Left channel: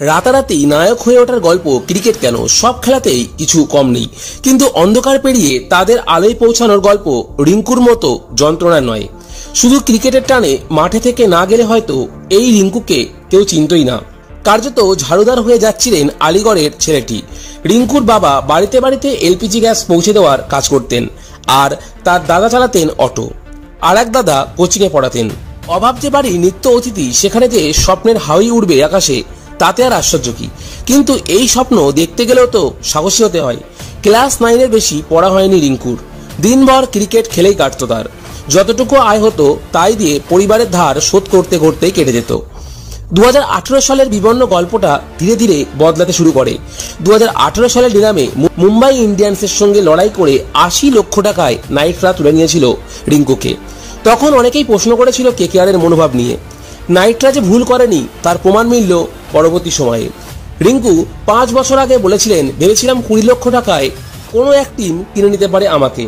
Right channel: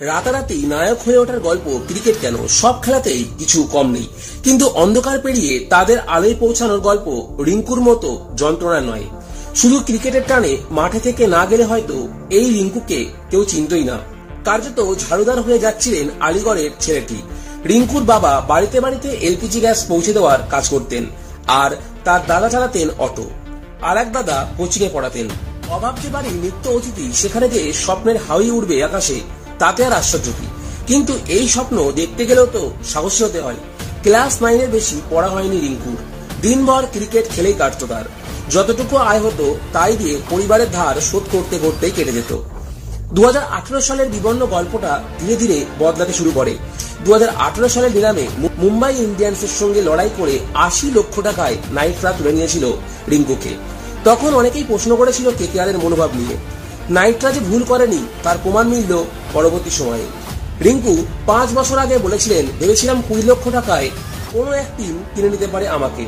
রাতারাতি নায়ক হয়ে ওঠার গল্প ক্রিকেট কেন, সব খেলাতেই কিছু কম নেই, কিন্তু অন্ধকার পেরিয়ে তাদের আলোয় পৌঁছানোর গল্প রিঙ্কুর মতো যন্ত্রণা নয়। শুধু ক্রিকেটের টানে মাঠে থেকে না গেলে হয়তো এই রিঙ্কুকে কেউ চিনতই না। কার্যত ঝাড়ুদার হয়ে যাচ্ছিলেন আলিগড়ের ছেলেটি। রিঙ্কুর বাবা বাড়িতে বাড়িতে এলপিজি গ্যাস পৌঁছে দেওয়ার কাজ করতেন, আর তার দাদা চালাতেন অটো, আর এক দাদা কোচিং এ পড়াতেন। অভাব যে বাড়ি নিত্য অতিথি, সেখানে যে স্বপ্নের হাওয়াই উড়বে আকাশে, তাতে আর আশ্চর্য কি। কিন্তু এই স্বপ্ন দেখতে গেলেও তো সাহসী হতে হয়। ক্লাস 9-এর বেশি পড়া হয়নি রিঙ্কুর। দিনভর ক্রিকেট খেলেই কাটতো তার। যতটুকু আয় হতো তাই দিয়ে পরিবারের ধার শোধ করতে করতেই কেটে যেত। 2018 সালের বিবর্ণ গল্পটা ধীরে ধীরে বদলাতে শুরু করে। 2018 সালের নিলামে মুম্বাই ইন্ডিয়ান্সের সঙ্গে লড়াই করে 80 লক্ষ টাকায় নাইটরা তুলে নিয়েছিল রিঙ্কুকে। তখন অনেকেই প্রশ্ন করেছিল কেকেআর এর মনোভাব নিয়ে। নাইটরা যে ভুল করেনি তার প্রমাণ মিলল পরবর্তী সময়ে। রিঙ্কু 5 বছর আগে বলেছিলেন, ভেবেছিলাম 20 লক্ষ টাকায় কোনো এক টিম কিনে নিতে পারে আমাকে,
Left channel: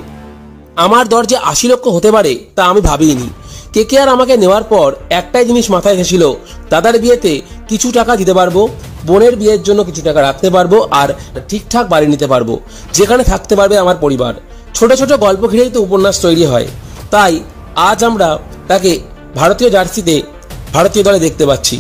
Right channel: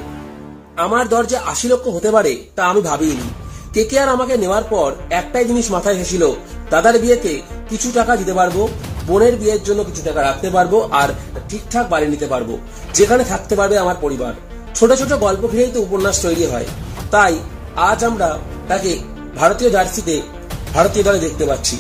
আমার দরজে 80 লক্ষ হতে পারে তা আমি ভাবিনি। কেকেআর আমাকে নেওয়ার পর একটাই জিনিস মাথায় ঘেঁষিল, দাদার বিয়েতে কিছু টাকা দিতে পারবো, বোনের বিয়ের জন্য কিছু টাকা রাখতে পারবো, আর ঠিকঠাক বাড়ি নিতে পারবো যেখানে থাকতে পারবে আমার পরিবার। ছোট ছোট গল্প ঘিরেই তো উপন্যাস তৈরি হয়। তাই আজ আমরা তাকে ভারতীয় জার্সিতে ভারতীয় দলে দেখতে পাচ্ছি।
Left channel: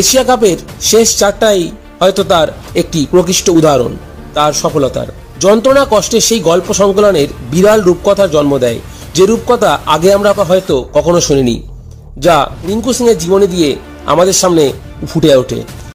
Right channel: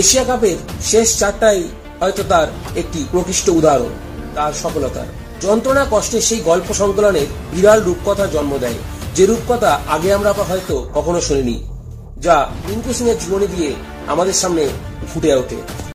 এশিয়া কাপের শেষ 4টাই হয়তো তার একটি প্রকৃষ্ট উদাহরণ তার সফলতার। যন্ত্রণা কষ্টের সেই গল্প সংকলনের বিরাল রূপকথার জন্ম দেয়, যে রূপকথা আগে আমরা হয়তো কখনো শুনিনি, যা রিঙ্কু সিং এর জীবনী দিয়ে আমাদের সামনে ফুটে ওঠে।